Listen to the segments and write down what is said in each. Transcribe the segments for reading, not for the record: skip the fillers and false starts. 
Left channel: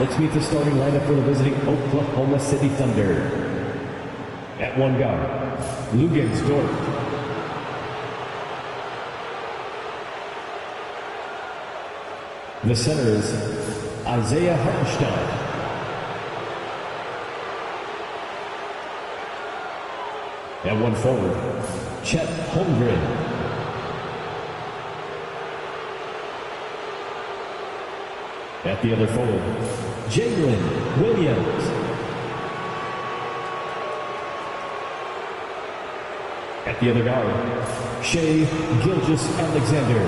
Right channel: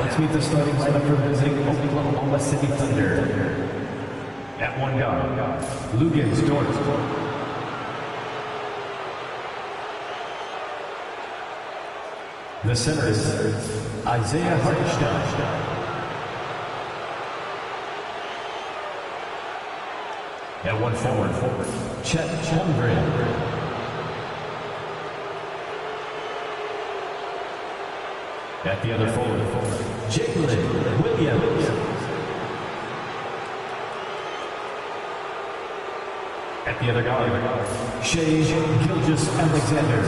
let's meet the starting lineup for the visiting Oklahoma City Thunder. At one guard, Lugens Dort. The center is Isaiah Hartenstein. At one forward, Chet Holmgren. At the other forward, Jalen Williams. At the other guard, Shai Gilgeous-Alexander.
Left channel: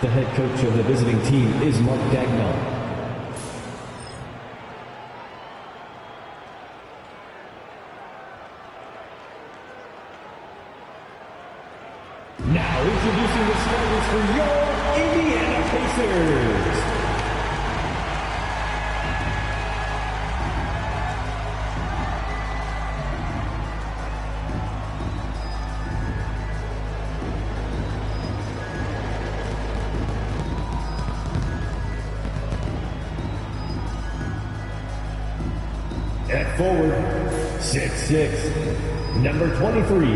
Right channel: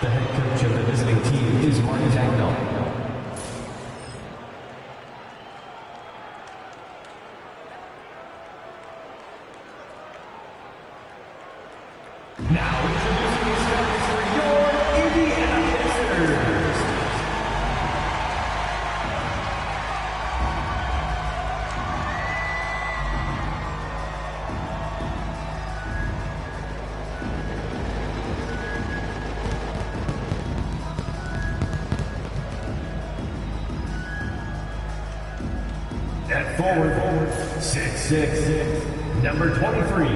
The head coach of the visiting team is Mark Dagnall. Now introducing the starters for your Indiana Pacers. At forward, 6'6", number 23,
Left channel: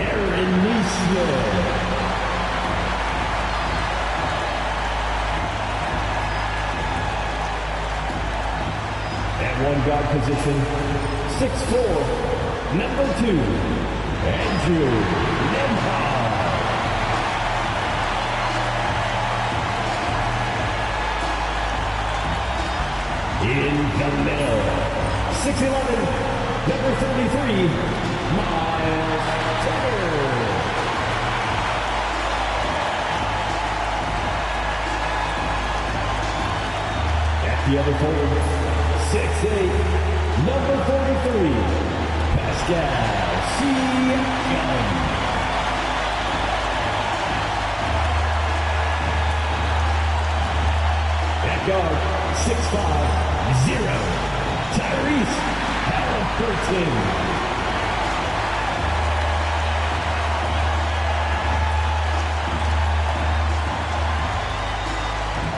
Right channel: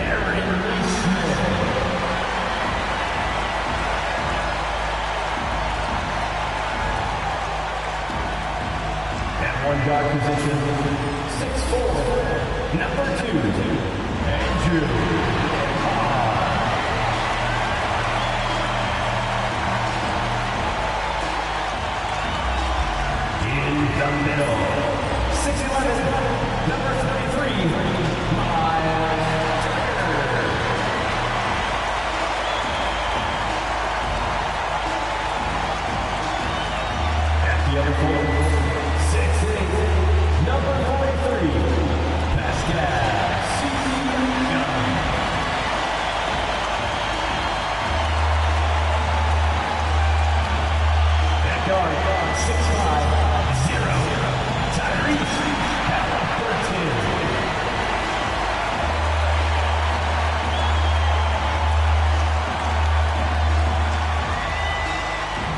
Aaron Nesmith. At one guard position, 6'4", number 2, Andrew Nembhard. In the middle, 6'11", number 33, Miles Turner. At the other forward, 6'8", number 43, Pascal Siakam. At guard, 6'5", 0. Tyrese Halliburton.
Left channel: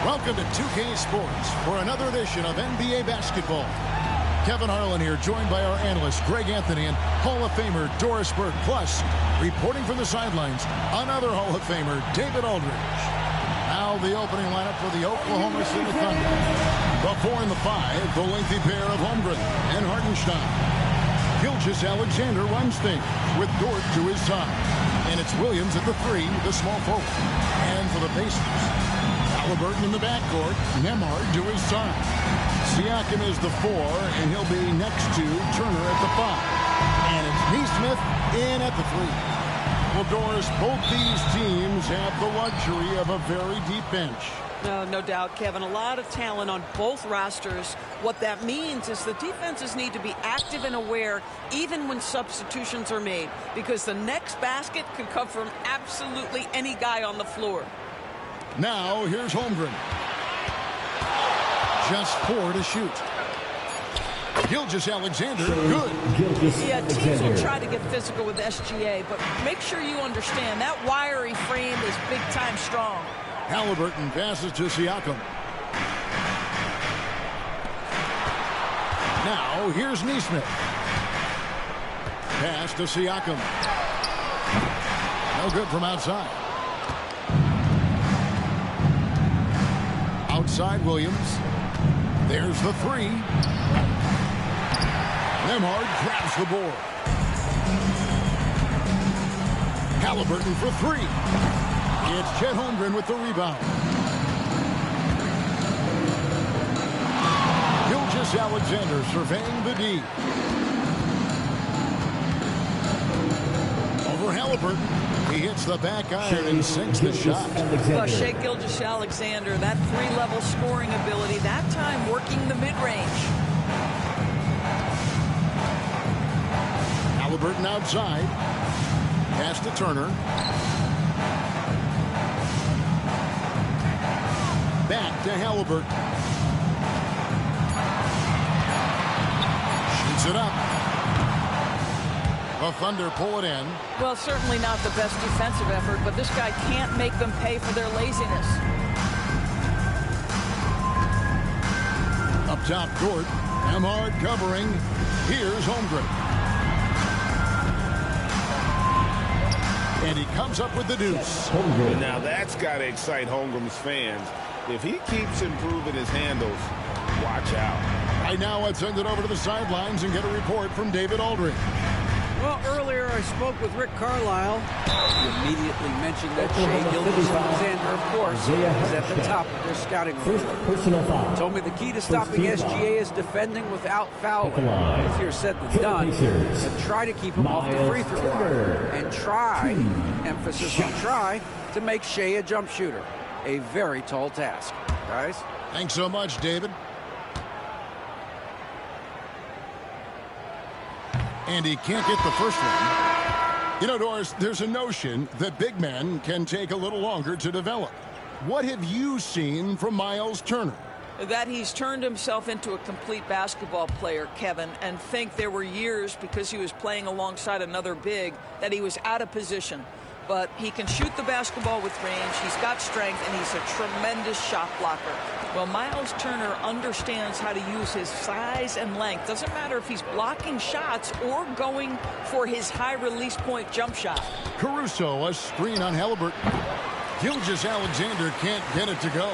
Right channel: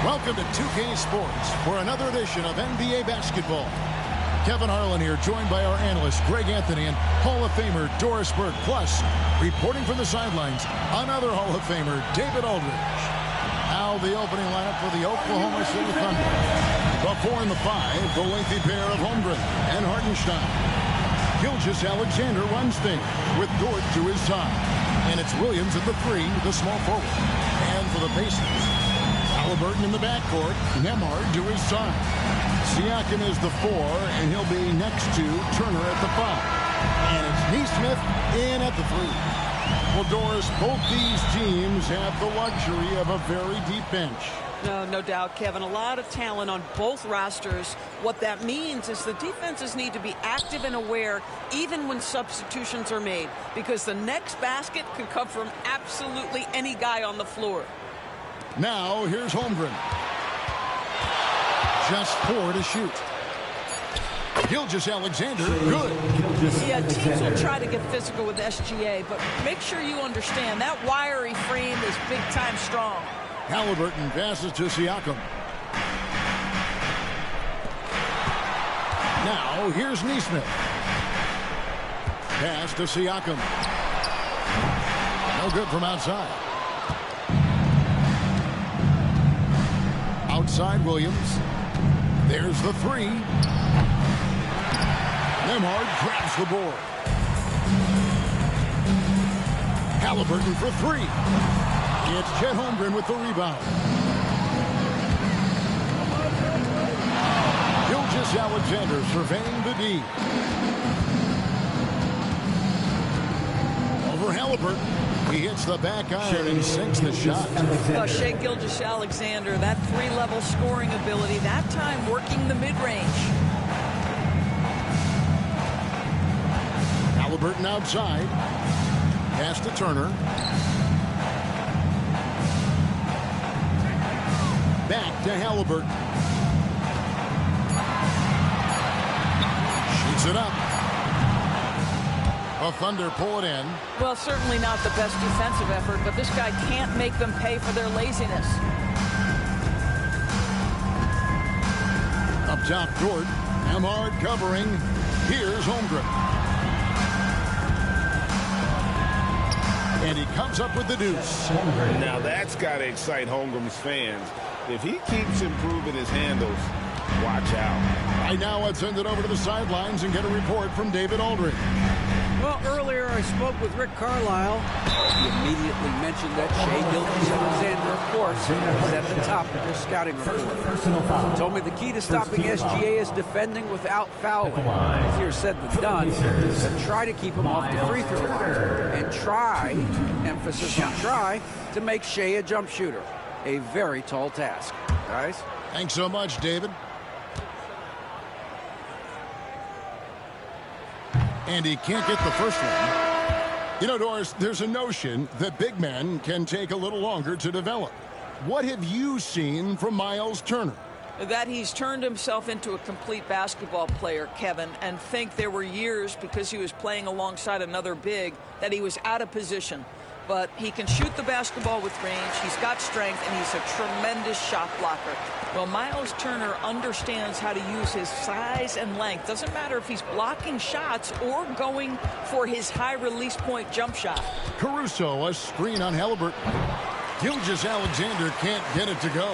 Welcome to 2K Sports for another edition of NBA basketball. Kevin Harlan here, joined by our analyst Greg Anthony and Hall of Famer Doris Burke. Plus, reporting from the sidelines, another Hall of Famer, David Aldridge. Now the opening lineup for the Oklahoma City Thunder. The 4 and the 5, the lengthy pair of Holmgren and Hartenstein. Gilgeous-Alexander runs things with Dort to his side. And it's Williams at the 3, the small forward. And for the Pacers, Halliburton in the backcourt, Nembhard to his side. Siakam is the 4, and he'll be next to Turner at the 5. And it's Nesmith in at the 3. Well, Doris, both these teams have the luxury of a very deep bench. No doubt, Kevin. A lot of talent on both rosters. What that means is the defenses need to be active and aware even when substitutions are made, because the next basket could come from absolutely any guy on the floor. Now, here's Holmgren. Just 4 to shoot. Gilgeous-Alexander, good. Yeah, teams will try to get physical with SGA, but make sure you understand that wiry frame is big-time strong. Halliburton passes to Siakam. Now, here's Nesmith. Pass to Siakam. No good from outside. Outside Williams. There's the 3. Nembhard grabs the board. Halliburton for 3. It's Chet Holmgren with the rebound. Gilgeous-Alexander surveying the D. Over Halliburton. He hits the back iron and sinks the shot. Shai Gilgeous-Alexander, that 3-level scoring ability, that time working the mid-range. Halliburton outside. Pass to Turner. Back to Halliburton. Shoots it up. The Thunder pull it in. Well, certainly not the best defensive effort, but this guy can't make them pay for their laziness. Up top, Dort. Amhard covering. Here's Holmgren. And he comes up with the deuce. Now that's got to excite Holmgren's fans. If he keeps improving his handles, watch out. Right now, let's send it over to the sidelines and get a report from David Aldridge. Well, earlier I spoke with Rick Carlisle. He immediately mentioned that Shai Gilgeous-Alexander, of course, is at the top of their scouting report. Personal foul. Told me the key to stopping SGA is defending without fouling. Easier said than done, but try to keep him off the free throw line. And try, emphasis on try, to make Shai a jump shooter. A very tall task. Guys? Thanks so much, David. And he can't get the first one. You know, Doris, there's a notion that big men can take a little longer to develop. What have you seen from Miles Turner? That he's turned himself into a complete basketball player, Kevin, and think there were years because he was playing alongside another big that he was out of position. But he can shoot the basketball with range, he's got strength, and he's a tremendous shot blocker. Well, Miles Turner understands how to use his size and length. Doesn't matter if he's blocking shots or going for his high release point jump shot. Caruso, a screen on Halliburton. Gilgeous-Alexander can't get it to go.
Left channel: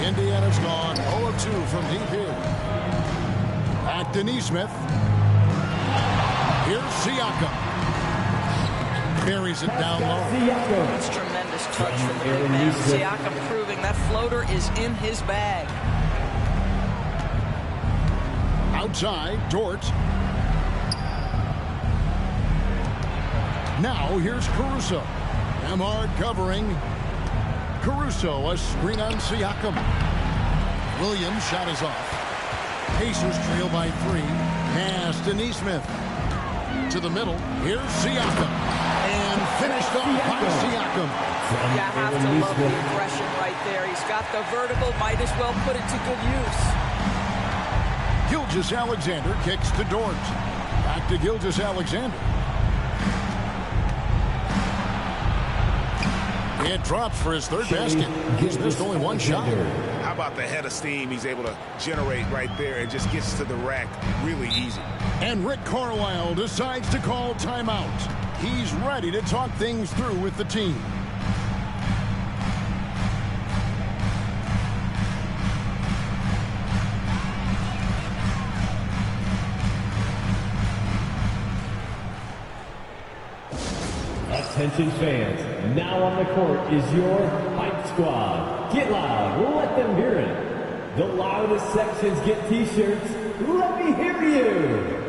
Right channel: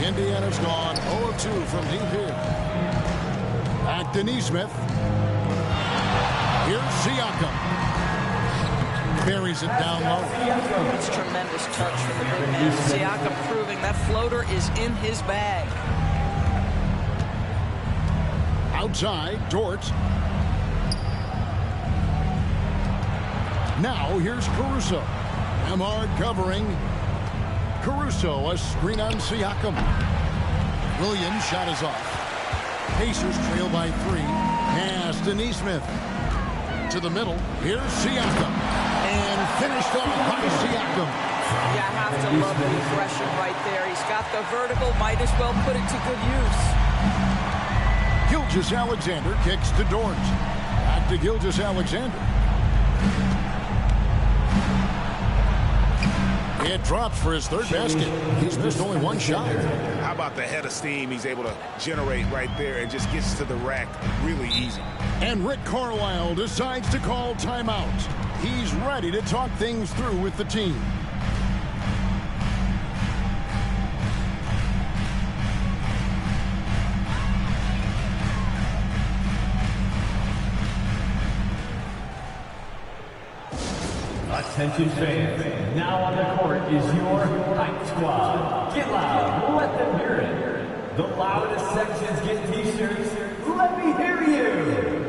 Indiana's gone 0 of 2 from deep here. Back to Nesmith. Here's Siakam. Buries it down low. That's tremendous touch from the big man. Siakam proving that floater is in his bag. Outside, Dort. Now here's Caruso. Amhard covering. Caruso, a screen on Siakam. Williams' shot is off. Pacers trail by 3. Pass to Nesmith. To the middle. Here's Siakam. And finished off by Siakam. You have to love the aggression right there. He's got the vertical. Might as well put it to good use. Gilgeous-Alexander kicks to Dort. Back to Gilgeous-Alexander. It drops for his third basket. He's missed only one shot. How about the head of steam he's able to generate right there and just gets to the rack really easy. And Rick Carlisle decides to call timeout. He's ready to talk things through with the team. Attention fans, now on the court is your Hype Squad. Get loud, let them hear it. The loudest sections get t-shirts. Let me hear you.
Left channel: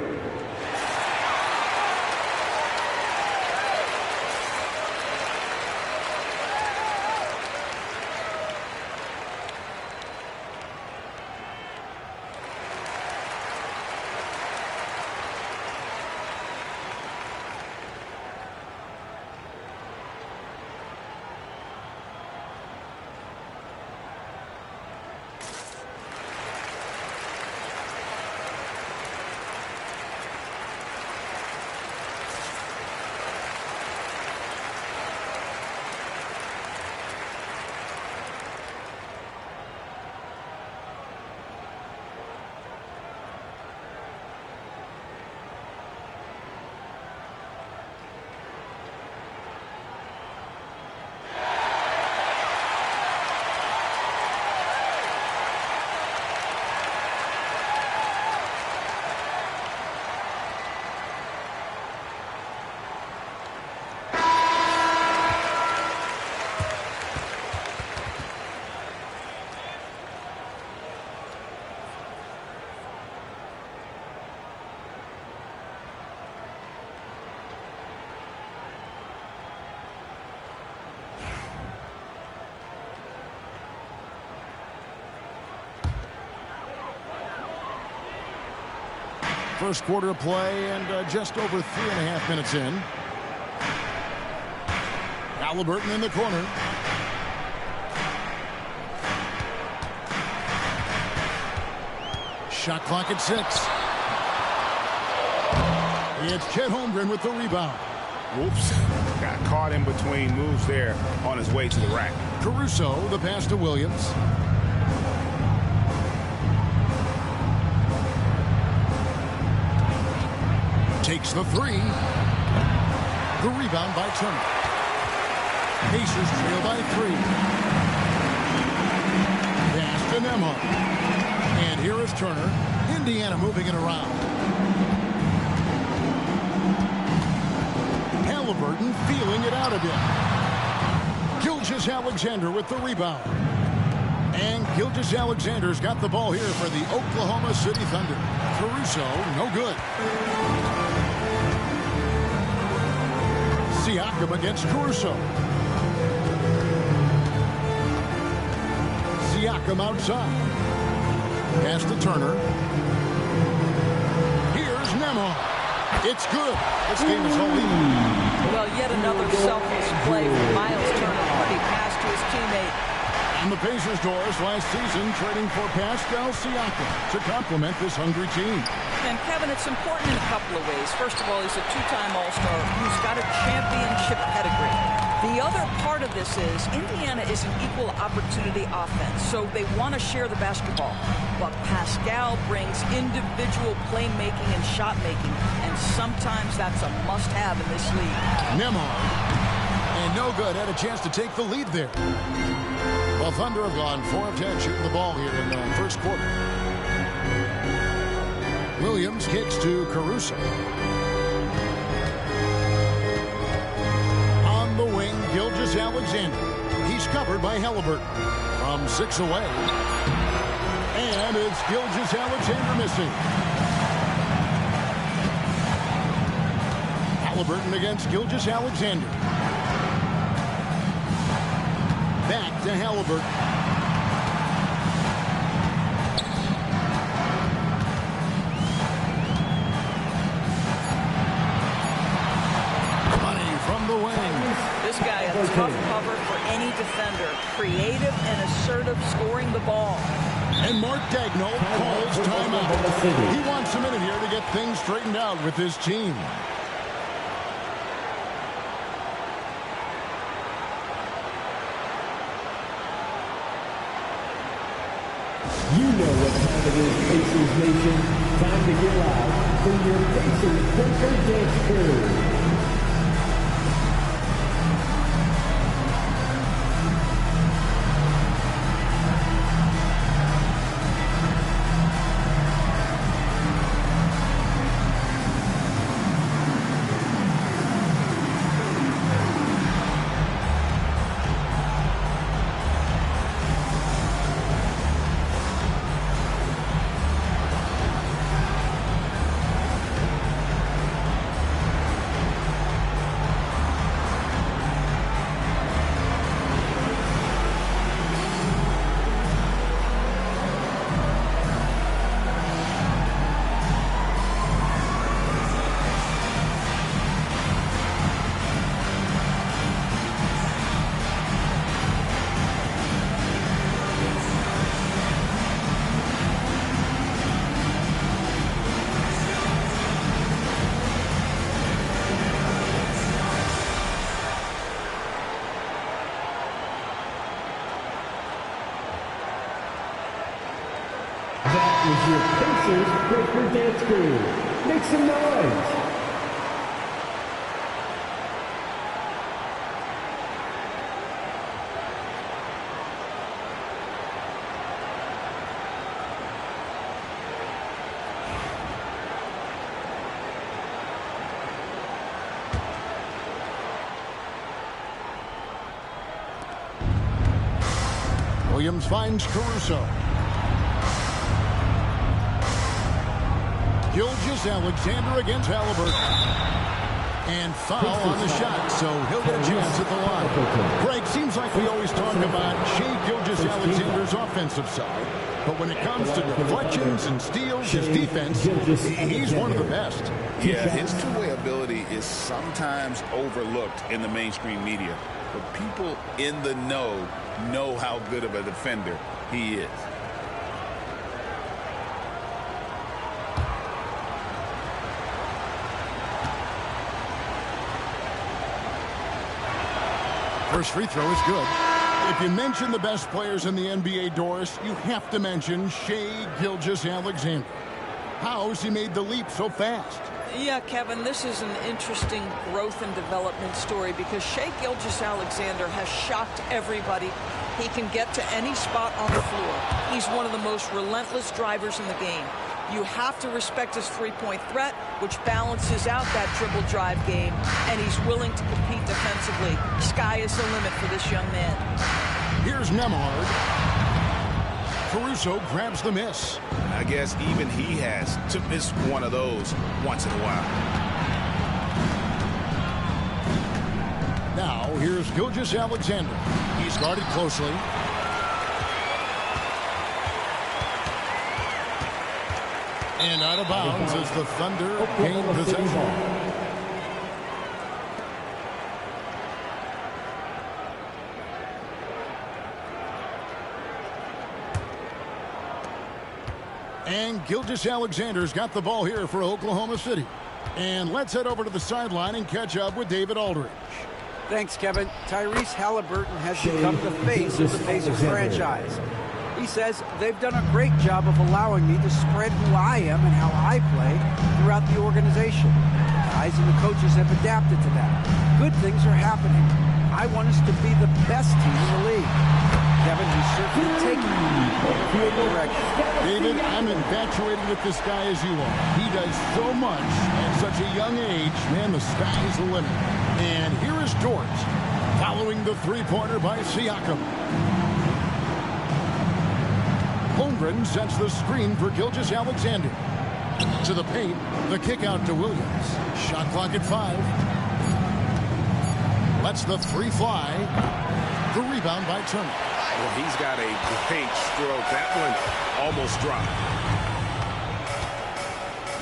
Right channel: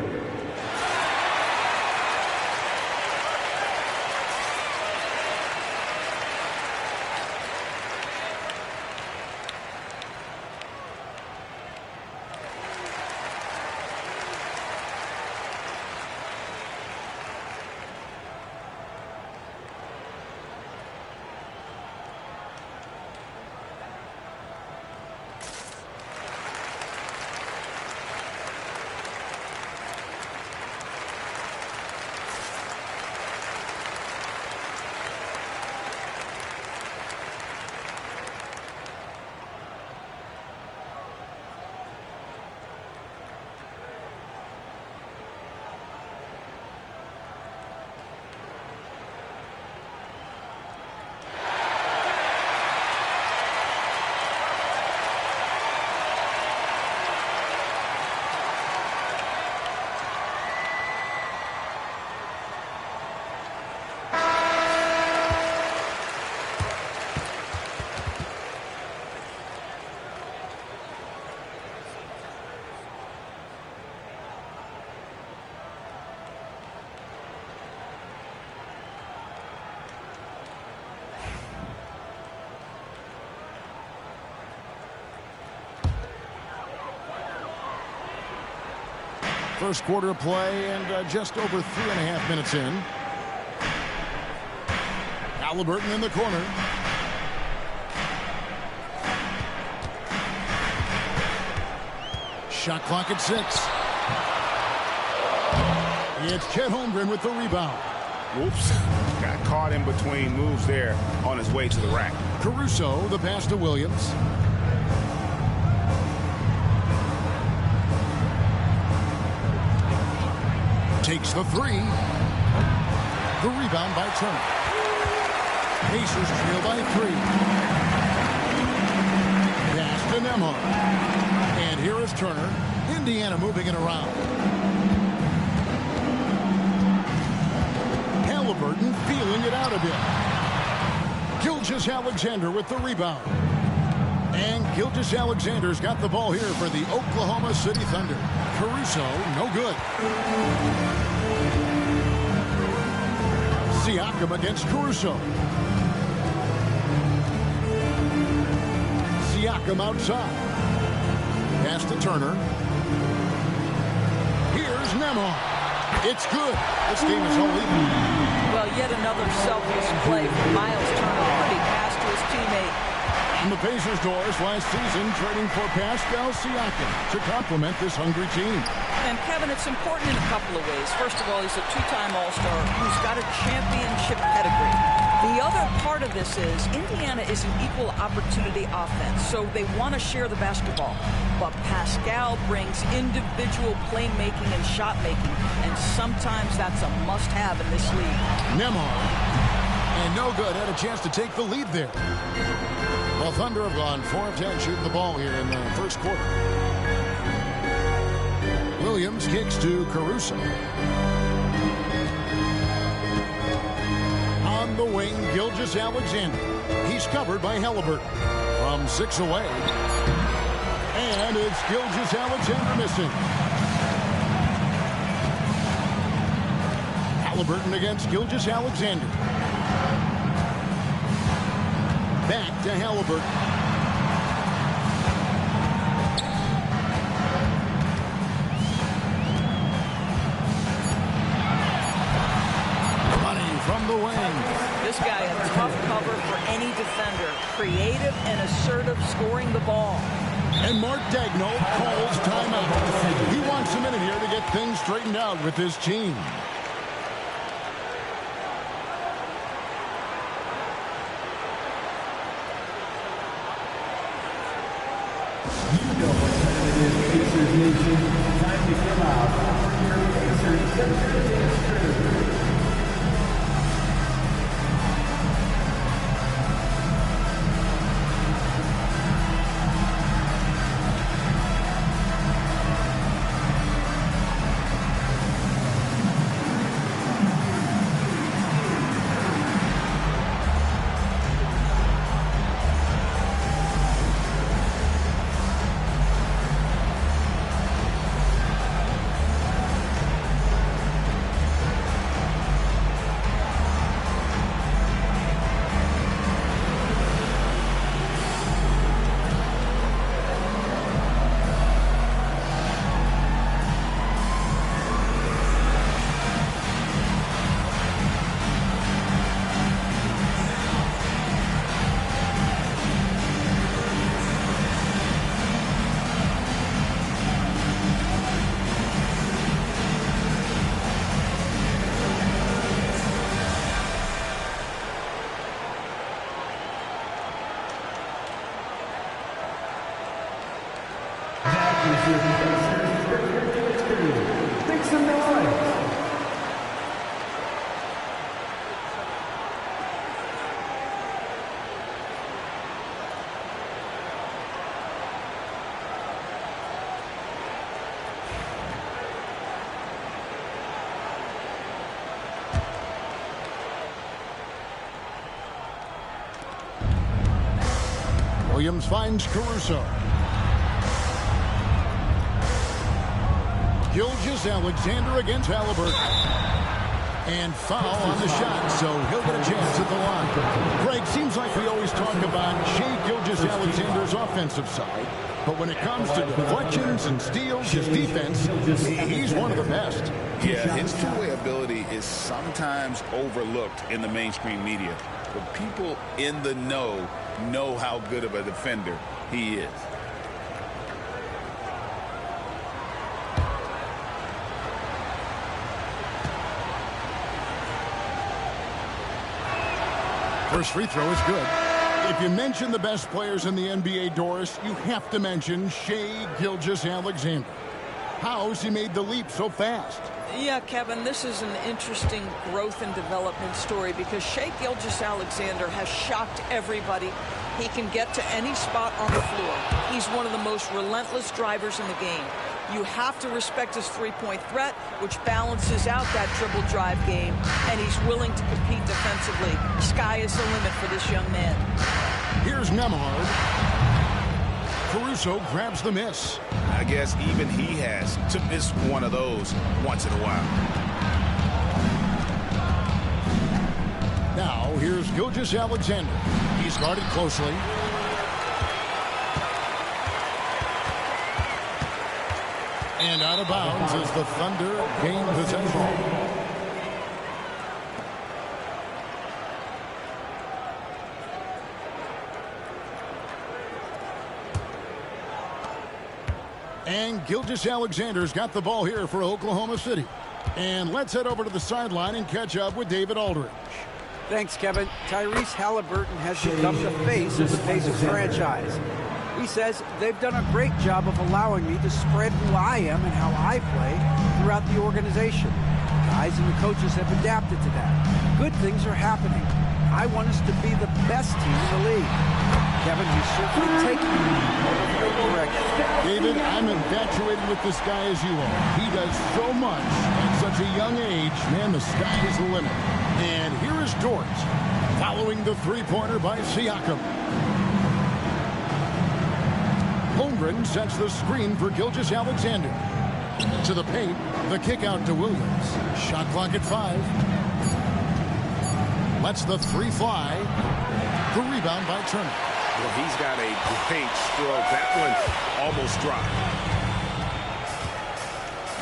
First quarter of play and just over 3.5 minutes in. Halliburton in the corner. Shot clock at 6. It's Chet Holmgren with the rebound. Whoops. Got caught in between moves there on his way to the rack. Caruso, the pass to Williams. Takes the three. The rebound by Turner. Pacers trail by 3. Pass to Nembhard. And here is Turner. Indiana moving it around. Halliburton feeling it out a bit. Gilgeous-Alexander with the rebound. And Gilgeous-Alexander's got the ball here for the Oklahoma City Thunder. Caruso, no good. Siakam against Caruso. Siakam outside. Pass to Turner. Here's Nembhard. It's good. This game is all even. Well, yet another selfless play from Miles Turner. Pretty pass to his teammate. And the Pacers, Doris, last season trading for Pascal Siakam to complement this hungry team. And, Kevin, it's important in a couple of ways. First of all, he's a 2-time All-Star who's got a championship pedigree. The other part of this is Indiana is an equal opportunity offense, so they want to share the basketball. But Pascal brings individual playmaking and shot making, and sometimes that's a must-have in this league. Nembhard, and no good, had a chance to take the lead there. Well, Thunder have gone 4 of 10 shooting the ball here in the first quarter. Williams kicks to Caruso. On the wing, Gilgeous-Alexander. He's covered by Halliburton. From 6 away. And it's Gilgeous-Alexander missing. Halliburton against Gilgeous-Alexander. Back to Halliburton. Money from the wing. This guy, a tough cover for any defender. Creative and assertive scoring the ball. And Mark Daigneault calls timeout. He wants a minute here to get things straightened out with his team. You know what time it is, Pacers Nation. Time to get loud for your Pacers Center Dance Crew. Is your Pacers Breaker Dance Crew. Make some noise. Williams finds Caruso. Gilgeous-Alexander against Halliburton. And foul on the shot, so he'll get a chance at the line. Greg, seems like we always talk about Shai Gilgeous-Alexander's offensive side, but when it comes to deflections and steals, his defense, he's one of the best. Yeah, his two-way ability is sometimes overlooked in the mainstream media, but people in the know how good of a defender he is. First free throw is good. If you mention the best players in the NBA, Doris, you have to mention Shai Gilgeous-Alexander. How's he made the leap so fast? Yeah, Kevin, this is an interesting growth and development story because Shai Gilgeous-Alexander has shocked everybody. He can get to any spot on the floor. He's one of the most relentless drivers in the game. You have to respect his three-point threat, which balances out that dribble drive game, and he's willing to compete defensively. Sky is the limit for this young man. Here's Nembhard. Caruso grabs the miss. I guess even he has to miss one of those once in a while. Now, here's Gilgeous-Alexander. He's guarded closely. And out of bounds as the Thunder gain possession. And Gilgeous-Alexander's got the ball here for Oklahoma City. And let's head over to the sideline and catch up with David Aldridge. Thanks, Kevin. Tyrese Halliburton has become the face of the Pacers franchise. He says they've done a great job of allowing me to spread who I am and how I play throughout the organization. The guys and the coaches have adapted to that. Good things are happening. I want us to be the best team in the league. Kevin, he's certainly taking me in the right direction. David, I'm infatuated with this guy as you are. He does so much at such a young age. Man, the sky is the limit. And here is Dort, following the three-pointer by Siakam. Holmgren sets the screen for Gilgeous-Alexander. To the paint, the kick out to Williams. Shot clock at 5. Lets the three fly. The rebound by Turner. Well, he's got a great stroke. That one almost dropped.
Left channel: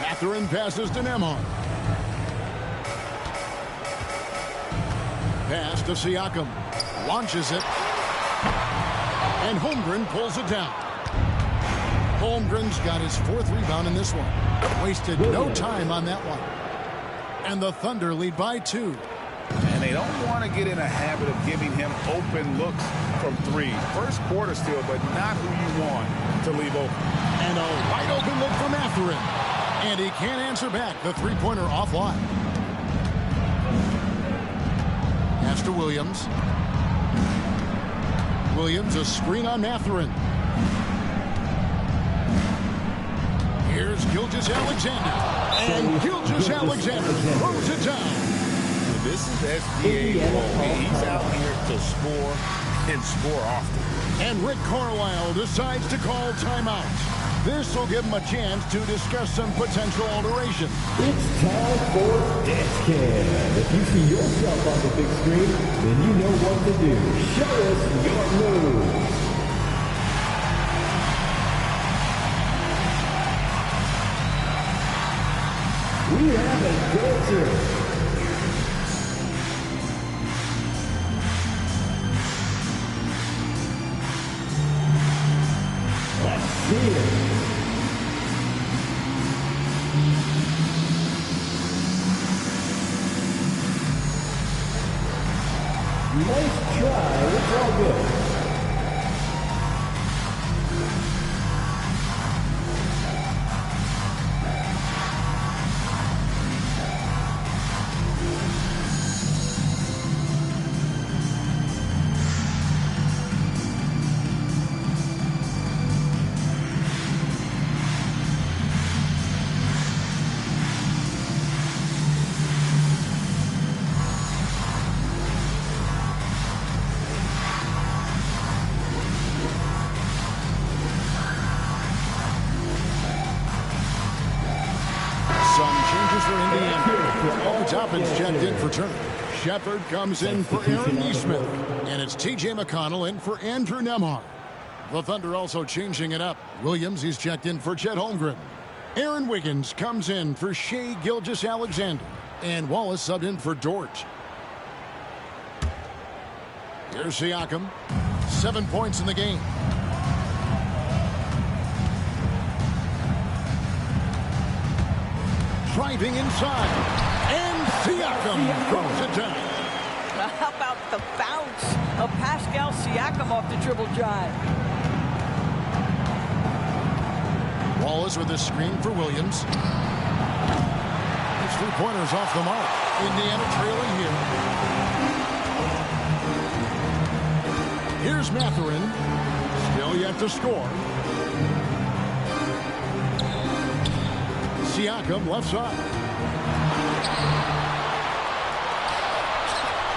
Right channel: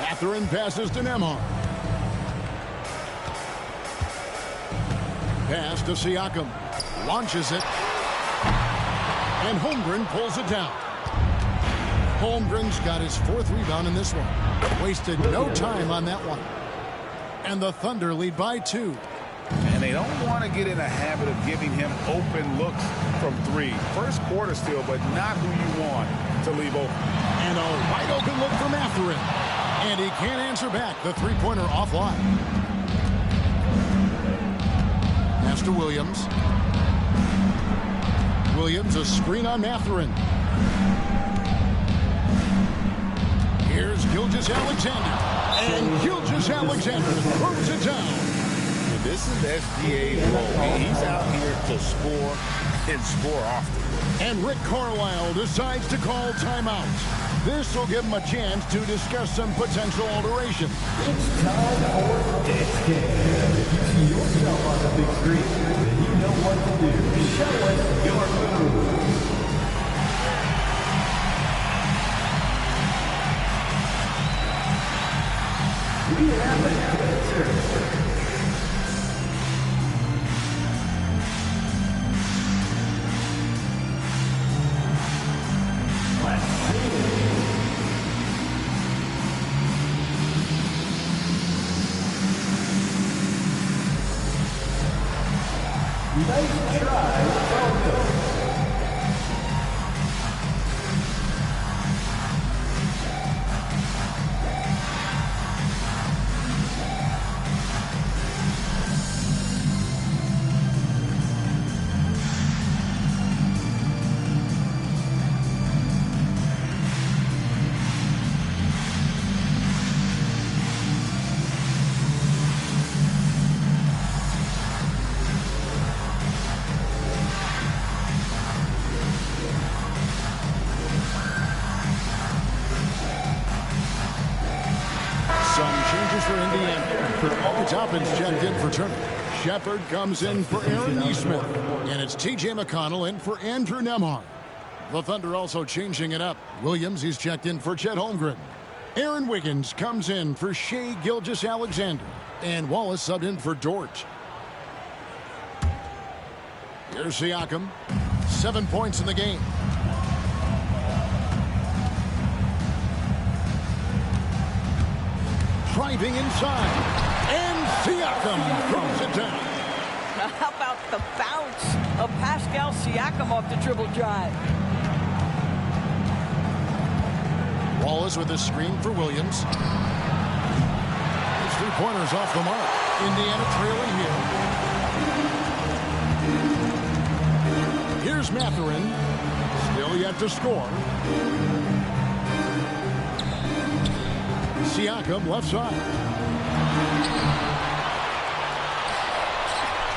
Mathurin passes to Nembhard. Pass to Siakam. Launches it. And Holmgren pulls it down. Holmgren's got his 4th rebound in this one. Wasted no time on that one. And the Thunder lead by 2. And they don't want to get in a habit of giving him open looks from 3. First quarter still, but not who you want to leave open. And a wide open look for Mathurin. And he can't answer back. The three-pointer offline. Pass to Williams. Williams, a screen on Mathurin. Here's Gilgeous-Alexander. And Gilgeous-Alexander throws it down. This is SGA's role. He's out here to score and score often. And Rick Carlisle decides to call timeout. This will give him a chance to discuss some potential alteration. It's time for Disc Cam. If you see yourself on the big screen, then you know what to do. Show us your moves. We have a dancer. Nice try. It's all good. For Indiana. Toppin's checked in for Turner. Shepard comes in for Aaron Nesmith. And it's T.J. McConnell in for Andrew Nembhard. The Thunder also changing it up. Williams, he's checked in for Chet Holmgren. Aaron Wiggins comes in for Shai Gilgeous-Alexander. And Wallace subbed in for Dort. Here's Siakam. 7 points in the game. Driving inside, and Siakam throws it down. How about the bounce of Pascal Siakam off the dribble drive? Wallace with a screen for Williams. 3-pointers off the mark. Indiana trailing here. Here's Mathurin. Still yet to score. Siakam left side.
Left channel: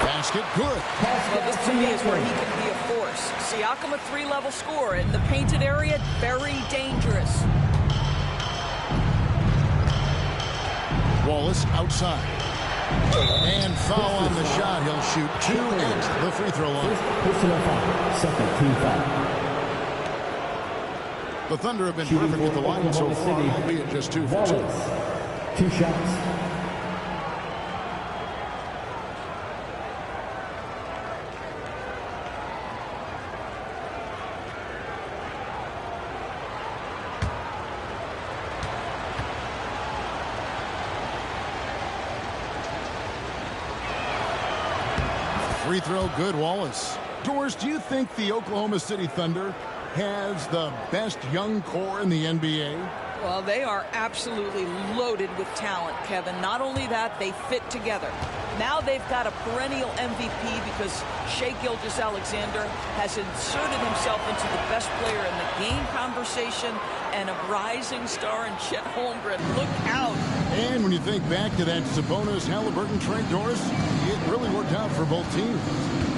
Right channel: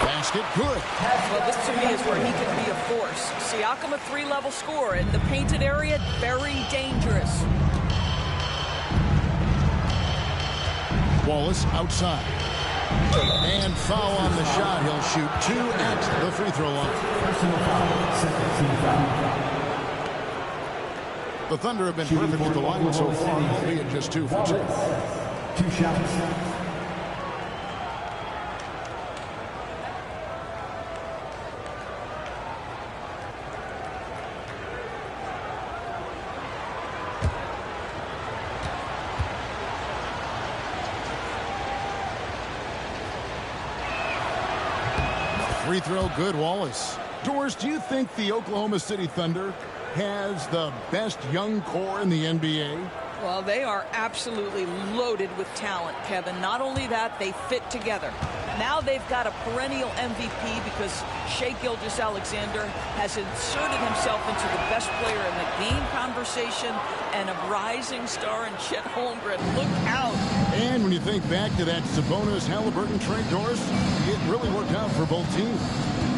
Basket good. Well, this to me is where he can be a force. Siakam, a 3-level scorer in the painted area, very dangerous. Wallace outside. And foul on the shot. He'll shoot 2 at the free throw line. Personal foul. Second team foul. The Thunder have been perfect at the line so far, albeit just 2 for 2. 2 shots. Free throw good, Wallace. Doris, do you think the Oklahoma City Thunder has the best young core in the NBA? Well, they are absolutely loaded with talent, Kevin. Not only that, they fit together. Now they've got a perennial MVP because Shai Gilgeous-Alexander has inserted himself into the best player in the game conversation and a rising star in Chet Holmgren. Look out. And when you think back to that Sabonis-Halliburton trade, Doris, it really worked out for both teams.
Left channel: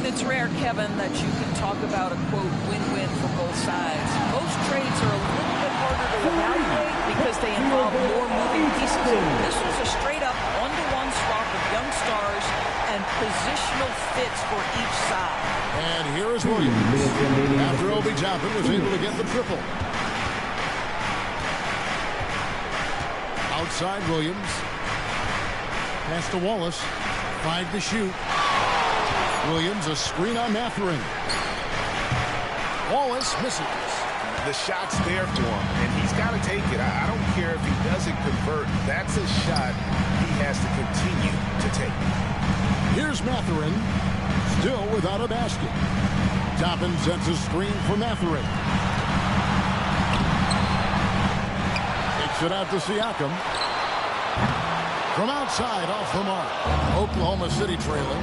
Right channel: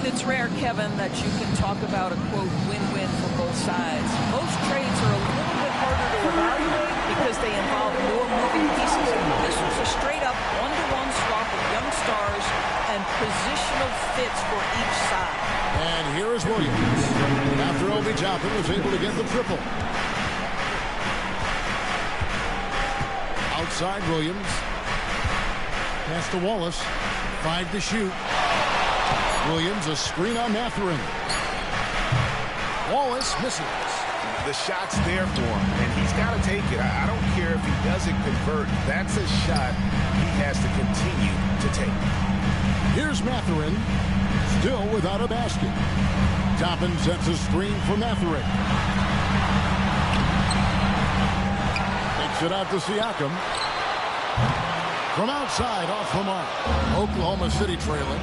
It's rare, Kevin, that you can talk about a, quote, win-win for both sides. Most trades are a little bit harder to evaluate because they involve more moving pieces. This was a straight-up one-to-one swap of young stars and positional fits for each side. And here is Williams. After Obi Toppin was able to get the triple. Outside Williams. Pass to Wallace. 5 to shoot. Williams, a screen on Mathurin. Wallace misses. The shot's there for him, and he's got to take it. I don't care if he doesn't convert. That's a shot he has to continue to take. Here's Mathurin, still without a basket. Toppin sets a screen for Mathurin. Takes it out to Siakam. From outside, off the mark. Oklahoma City trailing.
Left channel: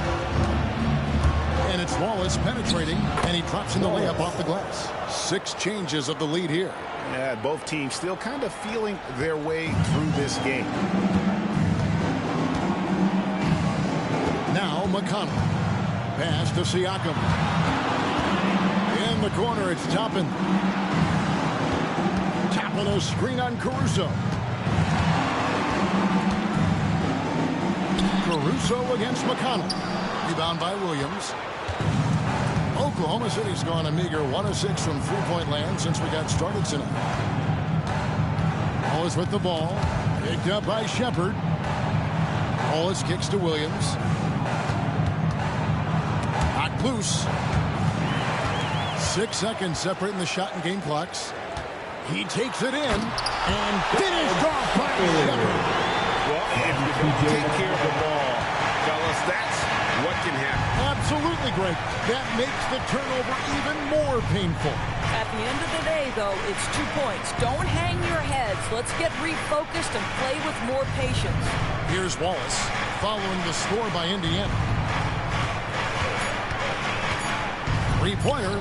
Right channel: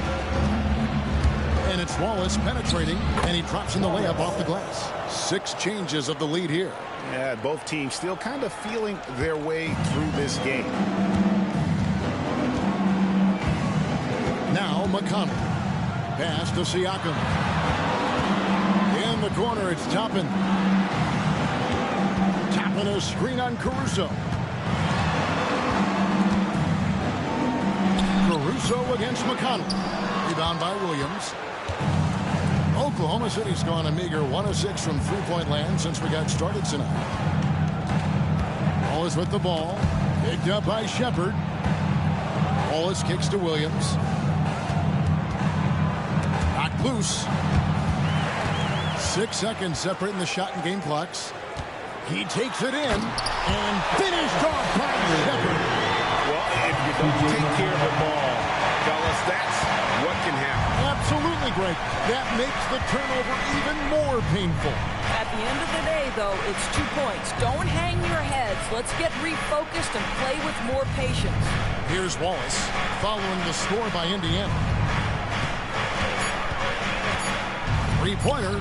And it's Wallace penetrating, and he drops in the layup off the glass. 6 changes of the lead here. Yeah, both teams still kind of feeling their way through this game. Now McConnell. Pass to Siakam. In the corner, it's Toppin. Toppin a screen on Caruso. Caruso against McConnell. Rebound by Williams. Oklahoma City's gone a meager 1 of 6 from three-point land since we got started tonight. Wallace with the ball. Picked up by Shepard. Wallace kicks to Williams. Knocked loose. 6 seconds separating the shot and game clocks. He takes it in and finished off by Shepard. Well, if you don't take care of the ball, fellas, that's what can happen. Absolutely, Greg. That makes the turnover even more painful. At the end of the day, though, it's 2 points. Don't hang your heads. Let's get refocused and play with more patience. Here's Wallace following the score by Indiana. 3-pointer.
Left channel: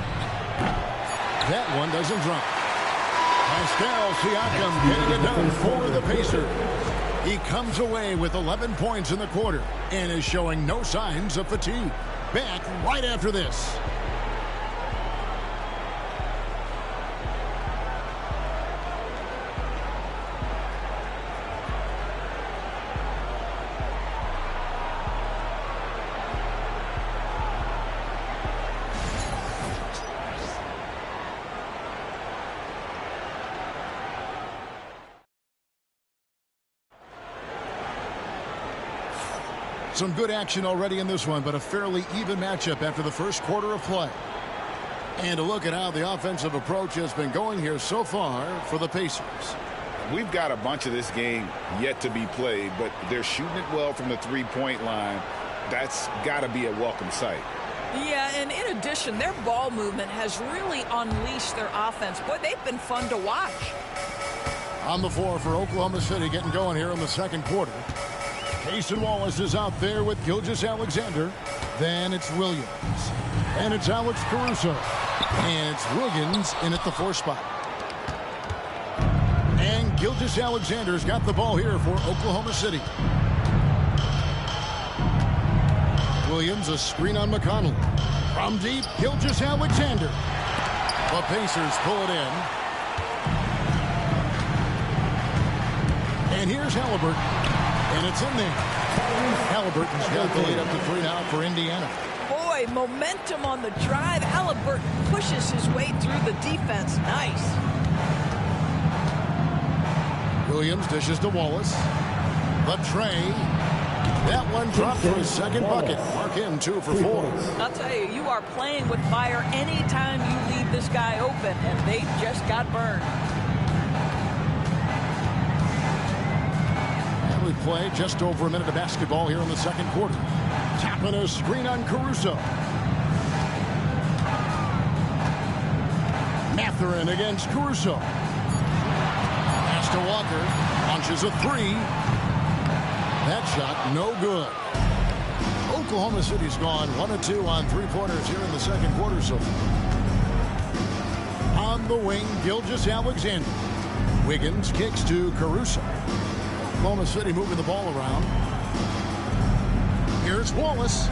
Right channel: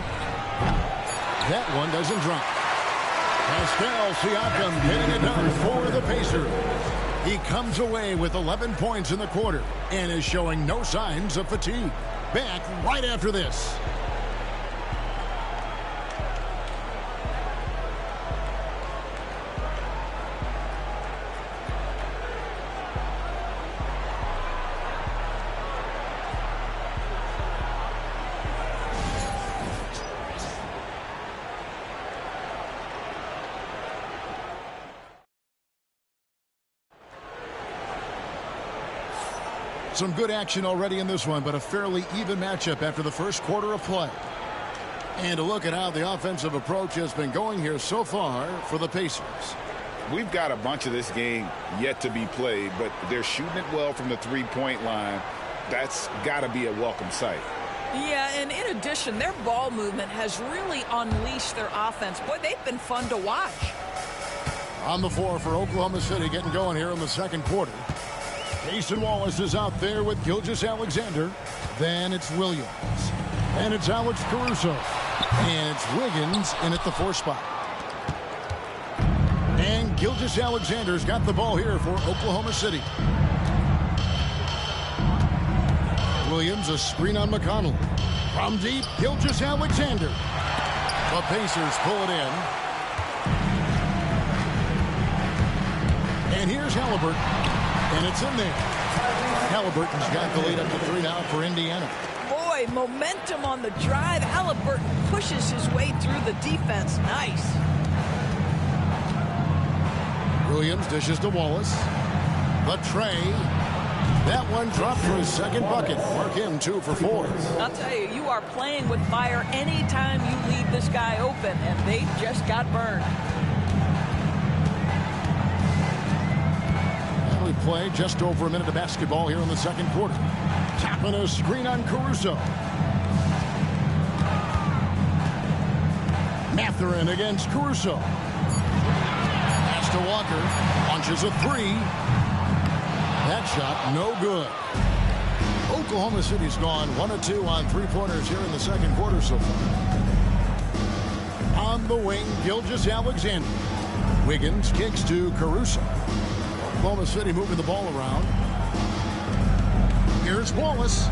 That one doesn't drop. Pascal Siakam getting it done for the Pacers. He comes away with 11 points in the quarter and is showing no signs of fatigue. Back right after this. Some good action already in this one, but a fairly even matchup after the first quarter of play. And a look at how the offensive approach has been going here so far for the Pacers. We've got a bunch of this game yet to be played, but they're shooting it well from the three-point line. That's got to be a welcome sight. Yeah, and in addition, their ball movement has really unleashed their offense. Boy, they've been fun to watch. On the floor for Oklahoma City, getting going here in the second quarter. Cason Wallace is out there with Gilgeous-Alexander. Then it's Williams. And it's Alex Caruso. And it's Wiggins in at the 4 spot. And Gilgeous-Alexander's got the ball here for Oklahoma City. Williams, a screen on McConnell. From deep, Gilgeous-Alexander. The Pacers pull it in. And here's Halliburton. And it's in there. Halliburton's got the lead up to 3 now for Indiana. Boy, momentum on the drive. Halliburton pushes his way through the defense. Nice. Williams dishes to Wallace. The tray. That one dropped for his second bucket. Mark him 2 for 4. I'll tell you, you are playing with fire anytime you leave this guy open, and they just got burned. And we play just over a minute of basketball here in the second quarter. Tapping a screen on Caruso. Mathurin against Caruso. Pass to Walker. Launches a 3. That shot no good. Oklahoma City's gone 1 of 2 on 3-pointers here in the second quarter so far. On the wing, Gilgeous-Alexander. Wiggins kicks to Caruso. Oklahoma City moving the ball around. Here's Wallace.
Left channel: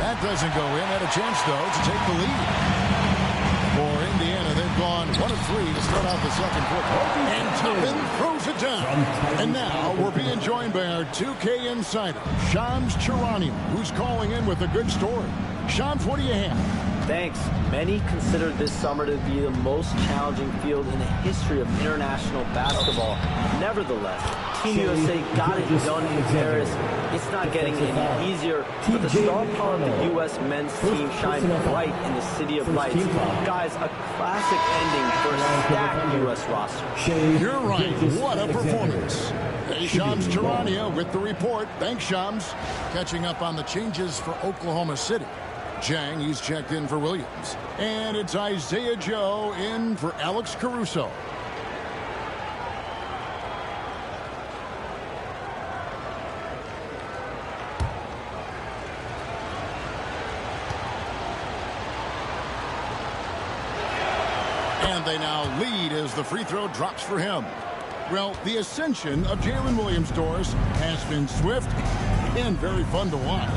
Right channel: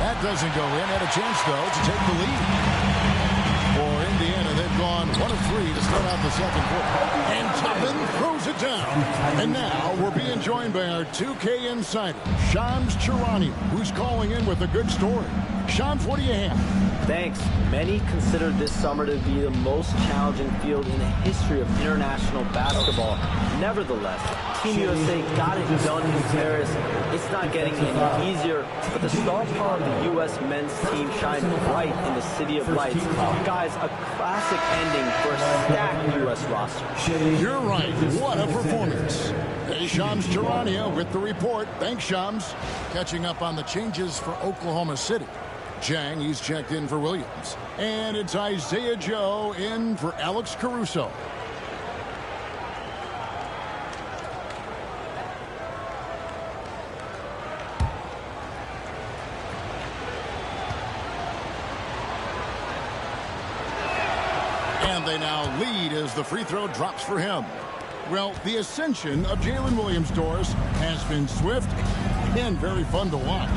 That doesn't go in. Had a chance, though, to take the lead. For Indiana, they've gone 1 of 3 to start out the second quarter. And Toppin throws it down. And now we're being joined by our 2K insider, Shams Charania, who's calling in with a good story. Shams, what do you have? Thanks. Many consider this summer to be the most challenging field in the history of international basketball. Nevertheless, Team USA got it done in Paris. It's not getting any easier, but the star power of the U.S. men's team shined bright in the City of Lights. Guys, a classic ending for a stacked U.S. roster. You're right. What a performance. Hey, Shams Charania with the report. Thanks, Shams. Catching up on the changes for Oklahoma City. Jang, he's checked in for Williams. And it's Isaiah Joe in for Alex Caruso. And they now lead as the free throw drops for him. Well, the ascension of Jalen Williams, Doris, has been swift and very fun to watch.